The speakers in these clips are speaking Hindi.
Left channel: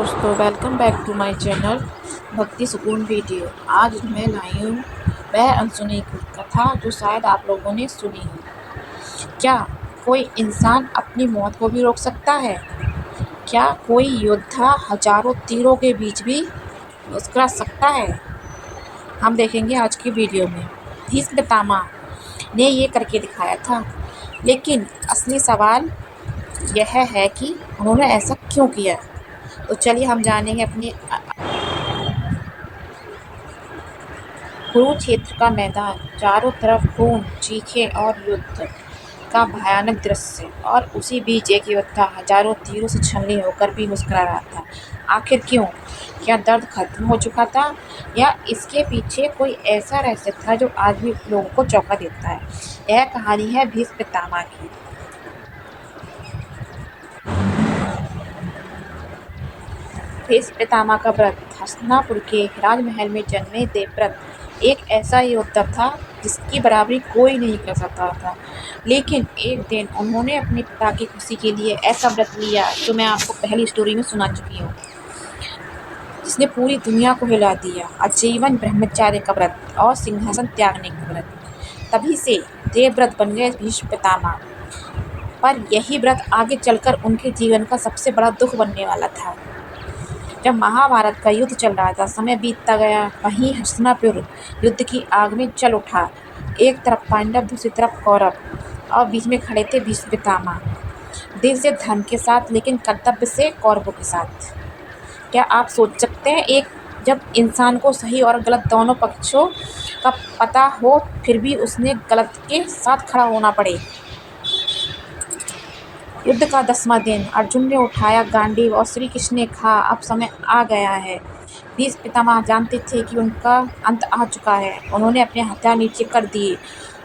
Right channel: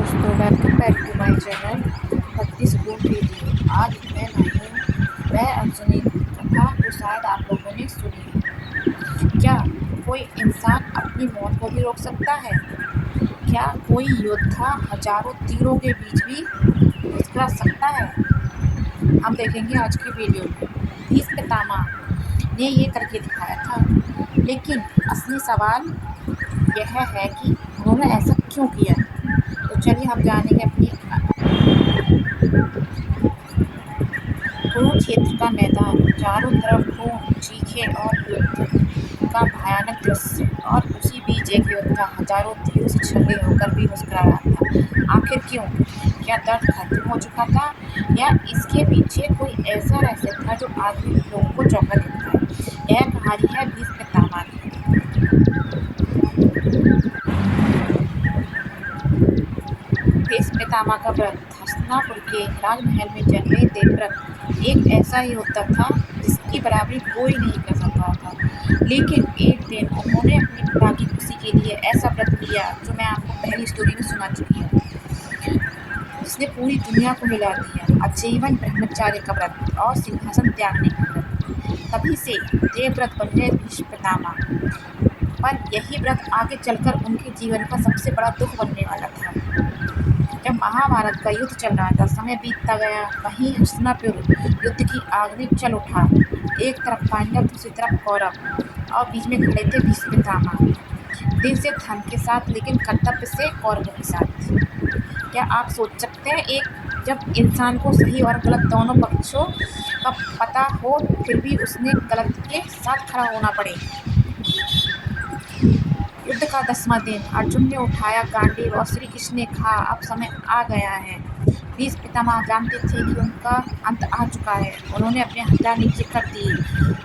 दोस्तों, welcome back to my channel Bhakti Sukoon video. आज मैं लाई हूँ वह अनसुनी कथा जो शायद आप लोगों ने सुनी है। क्या कोई इंसान अपनी मौत को भी रोक सकता है? क्या कोई योद्धा हजारों तीरों के बीच भी मुस्कुरा सकता है? हम देखेंगे आज की वीडियो में। भीष्म पितामह ने ये करके दिखाया था, लेकिन असली सवाल यह है कि उन्होंने ऐसा क्यों किया। तो चलिए हम जानेंगे अपनी कुरुक्षेत्र का मैदान, चारों तरफ खून, चीखें और युद्ध का भयानक दृश्य, और उसी बीच एक योद्धा हजारों तीरों से छलनी होकर भी मुस्कुरा रहा था। आखिर क्यों? क्या दर्द खत्म हो चुका था, या इसके पीछे कोई ऐसा रहस्य था जो आज भी लोगों को चौंका देता है? यह कहानी है भीष्म पितामह की। भीष्म पितामह का व्रत। हस्तिनापुर के राजमहल में जन्मे देवव्रत एक ऐसा योद्धा था जिसकी बराबरी कोई नहीं कर सकता था। लेकिन एक दिन उन्होंने अपने पिता की खुशी के लिए ऐसा व्रत लिया जो मैं आपको पहली स्टोरी में सुना चुकी हूँ, जिसने पूरी दुनिया को हिला दिया। आजीवन ब्रह्मचार्य का व्रत और सिंहासन त्यागने का व्रत। तभी से देवव्रत बन गए भीष्म पितामह। पर यही व्रत आगे चलकर उनके जीवन का सबसे बड़ा दुख बनने वाला था। जब महाभारत का युद्ध चल रहा था, समय बीतता गया, वहीं हस्तिनापुर युद्ध की आग में जल उठा। एक तरफ पांडव, दूसरी तरफ कौरव, और बीच में खड़े थे भीष्म पितामह। दिल से धर्म के साथ, लेकिन कर्तव्य से कौरवों के साथ। क्या आप सोच सकते हैं, एक जब इंसान को सही और गलत दोनों पक्षों का पता हो, फिर भी उसने गलत के साथ खड़ा होना पड़े। युद्ध का 10वां दिन। अर्जुन ने उठाया गांडीव और श्री कृष्ण ने कहा, अब समय आ गया है। भीष्म पितामह जानते थे कि उनका अंत आ चुका है। उन्होंने अपने हथियार नीचे कर दिए,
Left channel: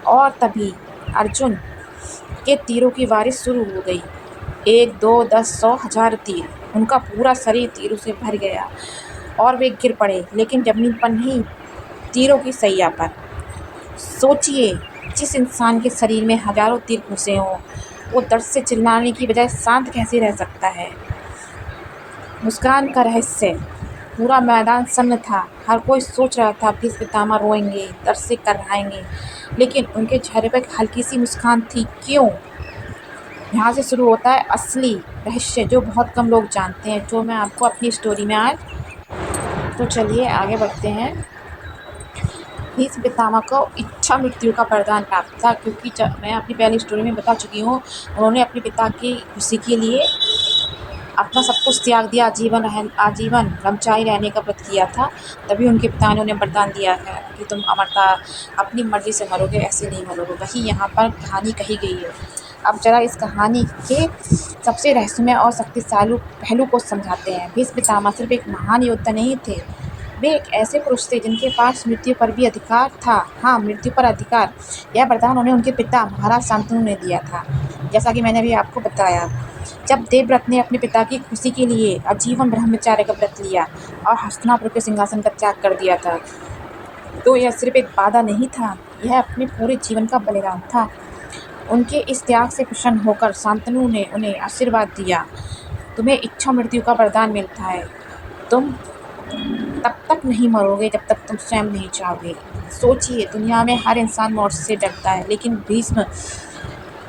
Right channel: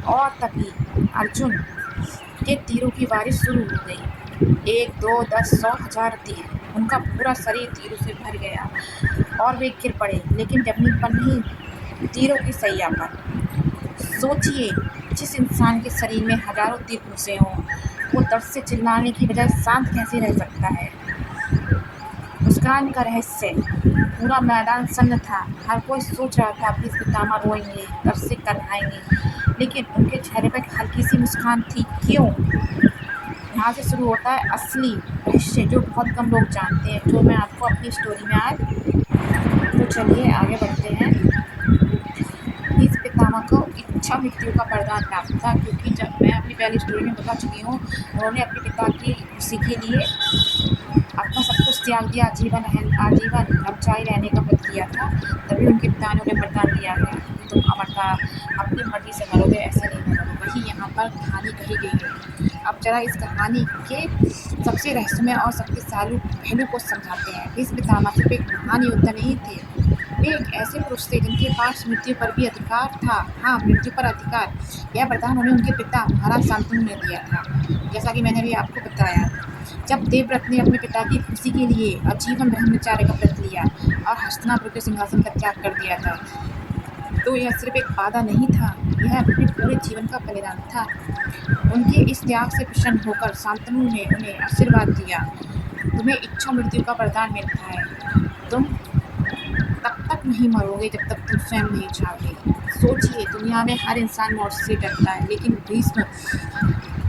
और तभी अर्जुन के तीरों की बारिश शुरू हो गई। 1, 2, 10, 100, 1000 तीर। उनका पूरा शरीर तीरों से भर गया और वे गिर पड़े, लेकिन जमीन पर नहीं, तीरों की सैया पर। सोचिए, जिस इंसान के शरीर में हजारों तीर घुसे हों, वो दर्द से चिल्लाने की बजाय शांत कैसे रह सकता है? मुस्कान का रहस्य। पूरा मैदान सन्न था। हर कोई सोच रहा था भीष्म पितामह रोएंगे, दर्द से कराएंगे, लेकिन उनके चेहरे पर एक हल्की सी मुस्कान थी। क्यों? यहाँ से शुरू होता है असली रहस्य, जो बहुत कम लोग जानते हैं, जो मैं आपको अपनी स्टोरी में आज। तो चलिए आगे बढ़ते हैं। भीष्म पितामह को इच्छा मृत्यु का वरदान प्राप्त था, क्योंकि जब मैं अपनी पहली स्टोरी में बता चुकी हूँ, उन्होंने अपने पिता की खुशी के लिए अपना सब कुछ त्याग दिया, आजीवन ब्रह्मचारी रहने का व्रत किया था। तभी उनके पिता ने उन्हें वरदान दिया है कि तुम अमरता अपनी मर्जी से मरोगे, ऐसे नहीं मरोगे। वही यहाँ पर कहानी कही गई है। अब जरा इस कहानी के सबसे रहस्यमय और शक्तिशाली पहलू को समझाते हैं। भीष्म पितामह सिर्फ एक महान योद्धा नहीं थे, वे एक ऐसे पुरुष थे जिनके पास मृत्यु पर भी अधिकार था। हाँ, मृत्यु पर अधिकार। यह वरदान उन्हें उनके पिता महाराज शांतनु ने दिया था, जैसा कि मैंने भी आपको बताया। जब देवव्रत ने अपने पिता की खुशी के लिए आजीवन ब्रह्मचार्य का व्रत लिया और हस्तिनापुर के सिंहासन का त्याग कर दिया था, तो यह सिर्फ एक वादा नहीं था, यह अपने पूरे जीवन का बलिदान था। उनके इस त्याग से प्रसन्न होकर शांतनु ने उन्हें आशीर्वाद दिया, तुम्हें इच्छा मृत्यु का वरदान मिलता है। तुम तब तक नहीं मरोगे जब तक तुम स्वयं नहीं चाहोगे। सोचिए, दुनिया में हर इंसान मौत से डरता है, लेकिन भीष्म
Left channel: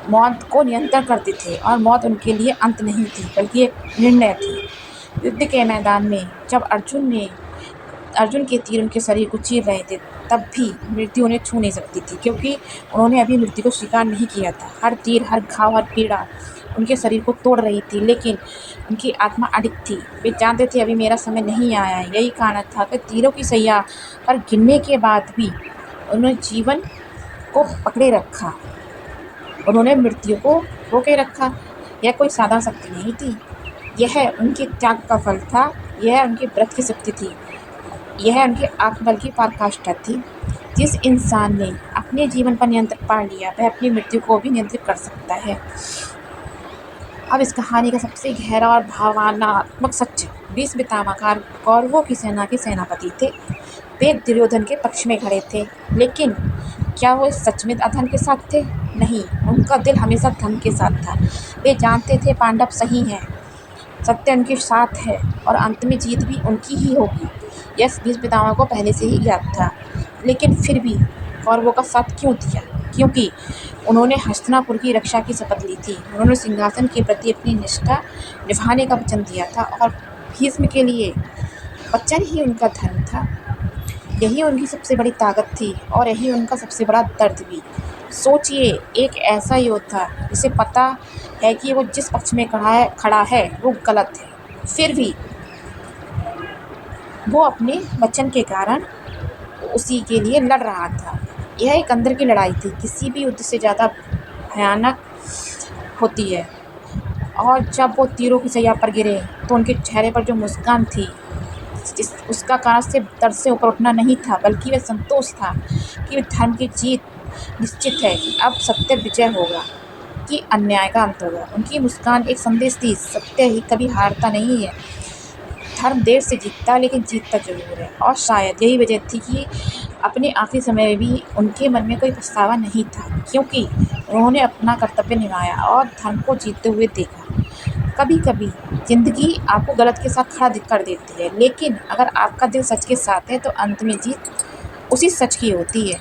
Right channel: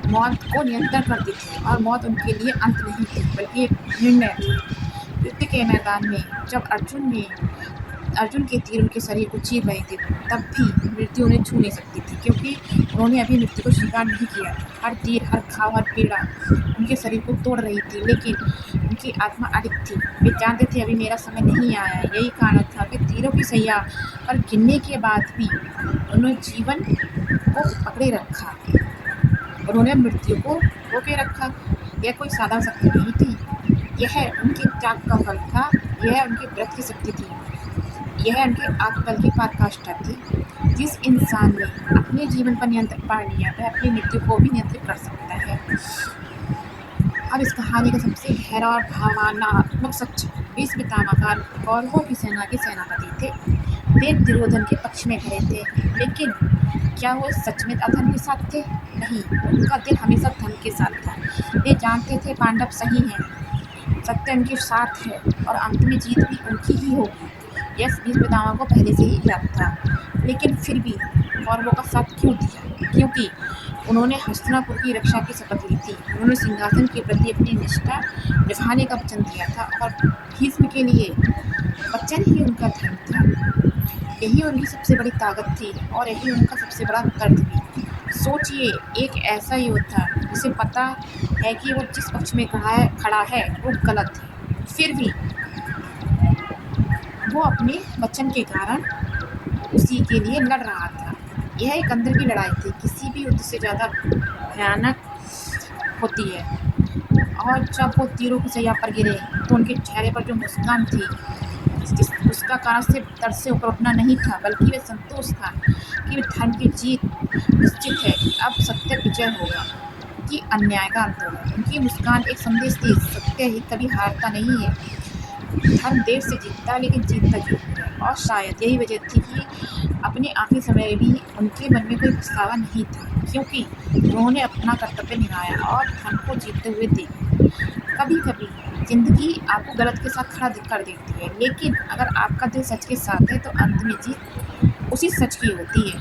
मौत को नियंत्रण करते थे, और मौत उनके लिए अंत नहीं थी, बल्कि एक निर्णय थी। युद्ध के मैदान में जब अर्जुन के तीर उनके शरीर को चीर रहे थे, तब भी मृत्यु उन्हें छू नहीं सकती थी, क्योंकि उन्होंने अभी मृत्यु को स्वीकार नहीं किया था। हर तीर, हर घाव, हर पीड़ा उनके शरीर को तोड़ रही थी, लेकिन उनकी आत्मा अडिग थी। वे जानते थे अभी मेरा समय नहीं आया है। यही कारण था कि तीरों की सैया पर गिरने के बाद भी उन्होंने जीवन को पकड़े रखा, उन्होंने मृत्यु को रोके रखा। यह कोई साधारण शक्ति नहीं थी, यह उनके त्याग का फल था, यह उनके व्रत की शक्ति थी, यह उनके आत्मबल की पराकाष्ठा थी। जिस इंसान ने अपने जीवन पर नियंत्रण पा लिया, वह अपनी मृत्यु को भी नियंत्रित कर सकता है। अब इस कहानी का सबसे गहरा और भावनात्मक सच। भीष्म पितामह कौरवों की सेना के सेनापति थे। वे दुर्योधन के पक्ष में खड़े थे, लेकिन क्या वो सच में अधर्म के साथ थे? नहीं, उनका दिल हमेशा धर्म के साथ था। वे जानते थे पांडव सही हैं, सत्य उनके साथ है और अंत में जीत भी उनकी ही होगी। यह भीष्म पितामह को पहले से ही ज्ञात था, लेकिन फिर भी कौरवों का साथ क्यों दिया? क्योंकि उन्होंने हस्तिनापुर की रक्षा की शपथ ली थी। उन्होंने सिंहासन के प्रति अपनी निष्ठा निभाने का वचन दिया था और भीष्म के लिए वचन ही उनका धर्म था। यही उनकी सबसे बड़ी ताकत थी और यही उनका सबसे बड़ा दर्द भी। सोचिए, एक ऐसा योद्धा जिसे पता है कि वो जिस पक्ष में खड़ा है वो गलत है, फिर भी वो अपने वचन के कारण उसी के लिए लड़ रहा था। यह एक अंदर की लड़ाई थी, किसी भी युद्ध से ज़्यादा भयानक होती है। और जब वो तीरों की सैया पर गिरे तो उनके चेहरे पर जो मुस्कान थी, उसका कारण सिर्फ दर्द से ऊपर उठना नहीं था, बल्कि वह संतोष था कि धर्म की जीत निश्चित है, कि अब सत्य विजय होगा, कि अन्याय का अंत होगा। उनकी मुस्कान एक संदेश थी, सत्य ही कभी हारता नहीं है। धर्म देर से जीतता, लेकिन जीतता जरूर है। और शायद यही वजह थी कि अपने आखिरी समय में भी उनके मन में कोई पछतावा नहीं था, क्योंकि उन्होंने अपना कर्तव्य निभाया और धर्म को जीतते हुए देखा। कभी कभी ज़िंदगी आपको गलत के साथ खड़ा कर देती है, लेकिन अगर आपका दिल सच के साथ है तो अंत में जीत उसी सच की होती है।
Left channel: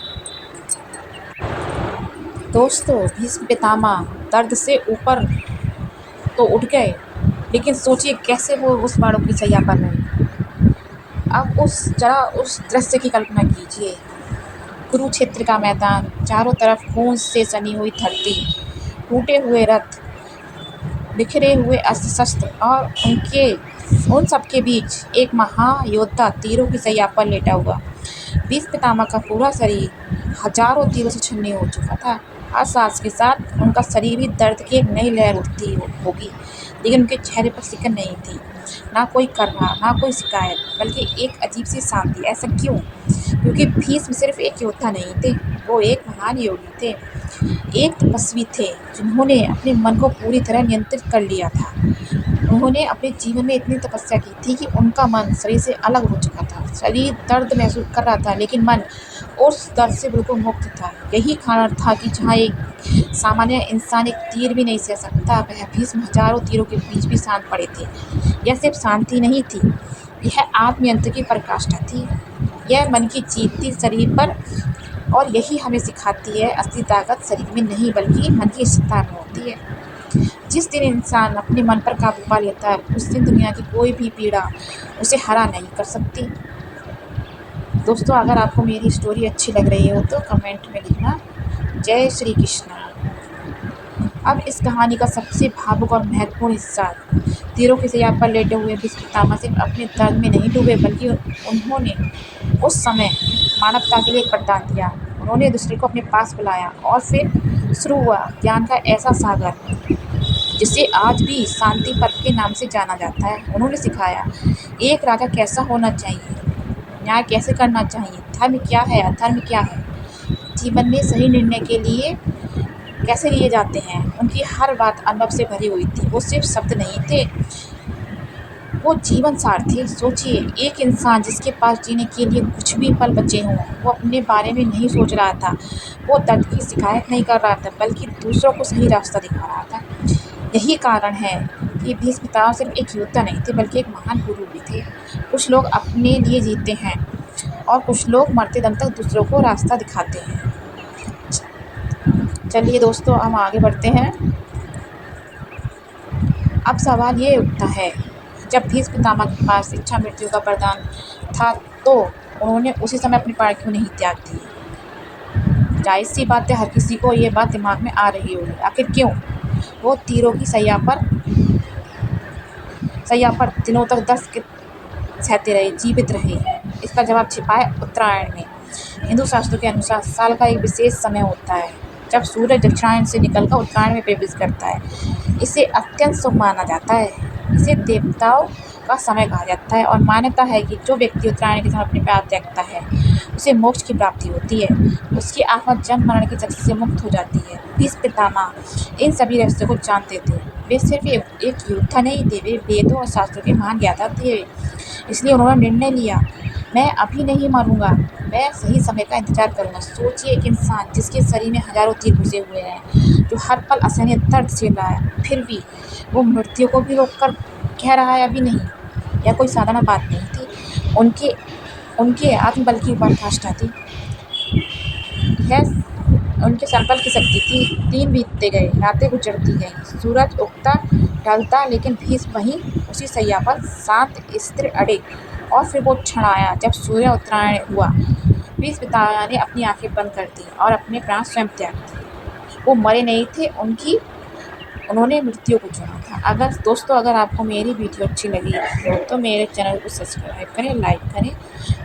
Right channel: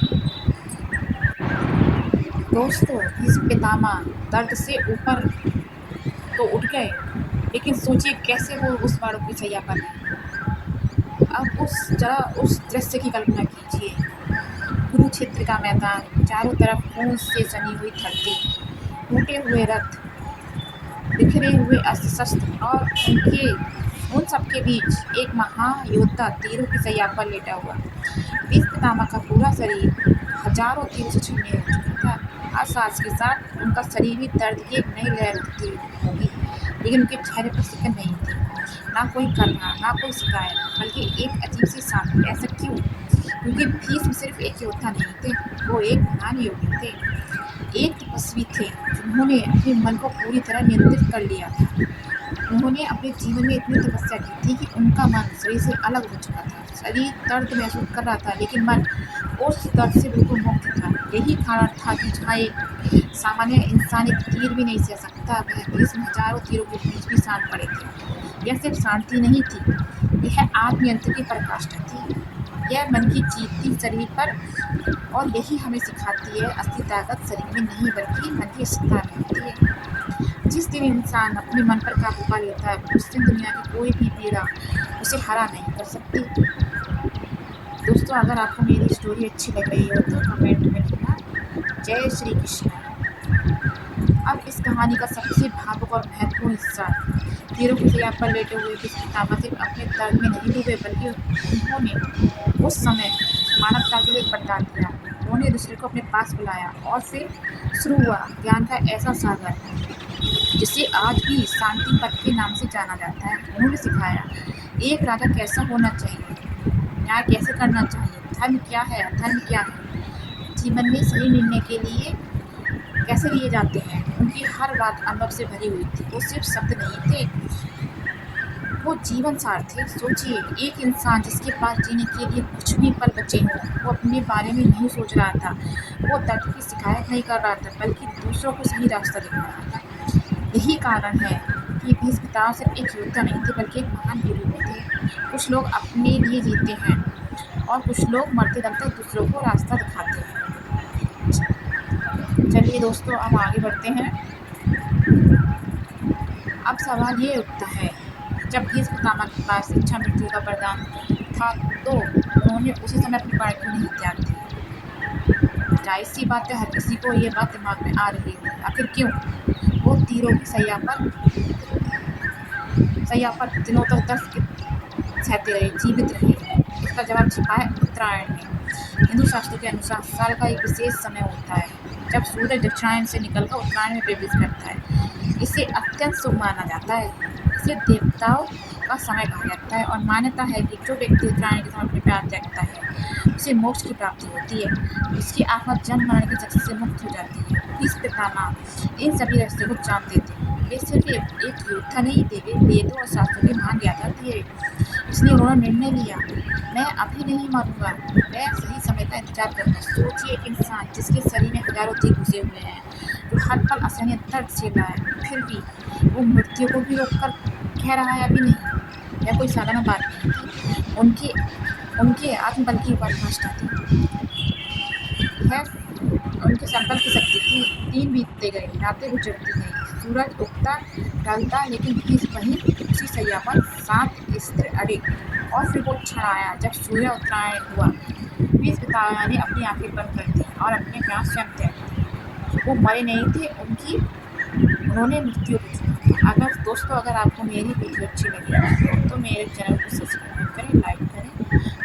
दोस्तों, भीष्म पितामह दर्द से ऊपर तो उठ गए, लेकिन सोचिए कैसे वो उस बाणों की सैया पर रहे। अब उस दृश्य की कल्पना कीजिए। कुरुक्षेत्र का मैदान, चारों तरफ खून से सनी हुई धरती, टूटे हुए रथ, बिखरे हुए अस्त्र शस्त्र और उन सब के बीच एक महायोद्धा तीरों की सैया पर लेटा हुआ। भीष्म पितामह का पूरा शरीर हजारों तीरों से छन्नी हो चुका था। हर सांस के साथ उनका शरीर भी दर्द की एक नई लहर उठती होगी, लेकिन उनके चेहरे पर सिकन नहीं थी, ना कोई कर्रा, ना कोई शिकायत, बल्कि एक अजीब सी शांति। ऐसा क्यों? क्योंकि भीष्म सिर्फ एक योद्धा नहीं थे, वो एक महान योगी थे, एक तपस्वी थे जिन्होंने अपने मन को पूरी तरह नियंत्रित कर लिया था। उन्होंने अपने जीवन में इतनी तपस्या की थी कि उनका मन शरीर से अलग हो चुका था। शरीर दर्द महसूस कर रहा था, लेकिन मन उस दर्द से बिल्कुल मुक्त था। यही कारण था कि जहाँ एक सामान्य इंसान एक तीर भी नहीं सह सकता, वह भीष्म हजारों तीरों के बीच भी शांत पड़े थे। यह सिर्फ शांति नहीं थी, यह आत्मनियंत्रण की पराकाष्ठा थी। यह मन की जीत थी शरीर पर, और यही हमें सिखाती है, असली ताकत शरीर में नहीं बल्कि मन की सत्ता में होती है। जिस दिन इंसान अपने मन पर काबू पा लेता है, उस दिन दुनिया की कोई भी पीड़ा उसे हरा नहीं कर सकती। दोस्तों, अगर आपको मेरी स्टोरी अच्छी लग रही हो तो कमेंट में लिखना। जय श्री कृष्ण। अब इस कहानी का सबसे भावुक और महत्वपूर्ण हिस्सा, तीरों की सैया पर लेटे हुए भीष्म पितामह सिर्फ अपने दर्द में नहीं डूबे, बल्कि उन्होंने उस समय मानवता के लिए एक वरदान दिया। उन्होंने दूसरे को अपने पास बुलाया और फिर शुरू हुआ ज्ञान का ऐसा सागर जिसे आज भी शांति पथ के नाम से जाना जाता है। उन्होंने सिखाया एक राजा कैसा होना चाहिए, न्याय कैसे करना चाहिए, धर्म क्या है, अधर्म क्या है, जीवन में सही निर्णय के लिए कैसे लिए जाते हैं। उनकी हर बात अनुभव से भरी हुई थी। वो सिर्फ शब्द नहीं थे, वो जीवन सार थे। सोचिए, एक इंसान जिसके पास जीने के लिए कुछ भी पल बचे हों, वो अपने बारे में नहीं सोच रहा था, वो दर्द की शिकायत नहीं कर रहा था, बल्कि दूसरों को सही रास्ता दिखा रहा था। यही कारण है कि भीष्म पितामह सिर्फ एक योद्धा नहीं थे, बल्कि एक महान गुरु भी थे। कुछ लोग अपने लिए जीते हैं और कुछ लोग मरते दम तक दूसरों को रास्ता दिखाते हैं। चलिए दोस्तों, हम आगे बढ़ते हैं। अब सवाल ये उठता है, जब भीष्म पितामह के पास इच्छा मृत्यु का वरदान था, तो उन्होंने उसी समय अपने प्राण क्यों नहीं त्याग दिए? जाहिर सी बात है, हर किसी को ये बात दिमाग में आ रही होगी, आखिर क्यों वो तीरों की सैया पर दिनों तक दर्द सहते रहे, जीवित रहे? इसका जवाब छिपा है उत्तरायण में। हिंदू शास्त्रों के अनुसार साल का एक विशेष समय होता है जब सूरज दक्षिणायन से निकलकर उत्तरायण में प्रवेश करता है। इसे अत्यंत शुभ माना जाता है। इसे देवताओं का समय कहा जाता है और मान्यता है कि जो व्यक्ति उत्तरायण के समय अपने प्राण त्यागता है, उसे मोक्ष की प्राप्ति होती है। उसकी आत्मा जन्म मरण के चक्र से मुक्त हो जाती है। भीष्म पितामह इन सभी रहस्यों को जानते थे। वे सिर्फ एक योद्धा नहीं थे, वे वेदों और शास्त्रों के महान ज्ञाता थे। इसलिए उन्होंने निर्णय लिया, मैं अभी नहीं मरूंगा, मैं सही समय का इंतजार करूंगा। सोचिए, एक इंसान जिसके शरीर में हजारों तीर घुसे हुए हैं, जो हर पल असहनीय दर्द झेल रहा है, फिर भी वो मृत्यु को भी रोककर कह रहा है अभी नहीं। यह कोई साधारण बात नहीं थी, उनके उनके आत्मबल की पराकाष्ठा थी। खैर, उनके संकल्प की शक्ति थी। दिन बीतते गए, रातें गुजरती गईं, सूरज उगता ढलता, लेकिन भीष्म वहीं उसी शैया पर शांत स्थिर अड़े। और फिर वो क्षण आया जब सूर्य उत्तरायण हुआ। भीष्म पितामह ने अपनी आंखें बंद कर दी और अपने प्राण स्वयं त्याग दिए। वो मरे नहीं थे, उन्होंने मृत्यु को चुना था। अगर आपको मेरी वीडियो अच्छी लगी तो मेरे चैनल को सब्सक्राइब करें, लाइक करें,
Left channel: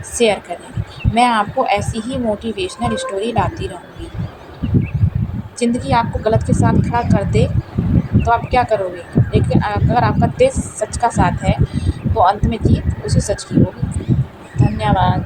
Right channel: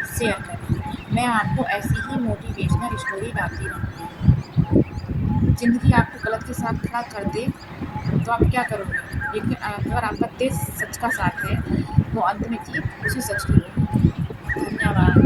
शेयर करें। मैं आपको ऐसी ही मोटिवेशनल स्टोरी लाती रहूँगी। ज़िंदगी आपको गलत के साथ खड़ा कर दे तो आप क्या करोगे? लेकिन अगर आपका दिल सच का साथ है तो अंत में जीत उसी सच की होगी। धन्यवाद।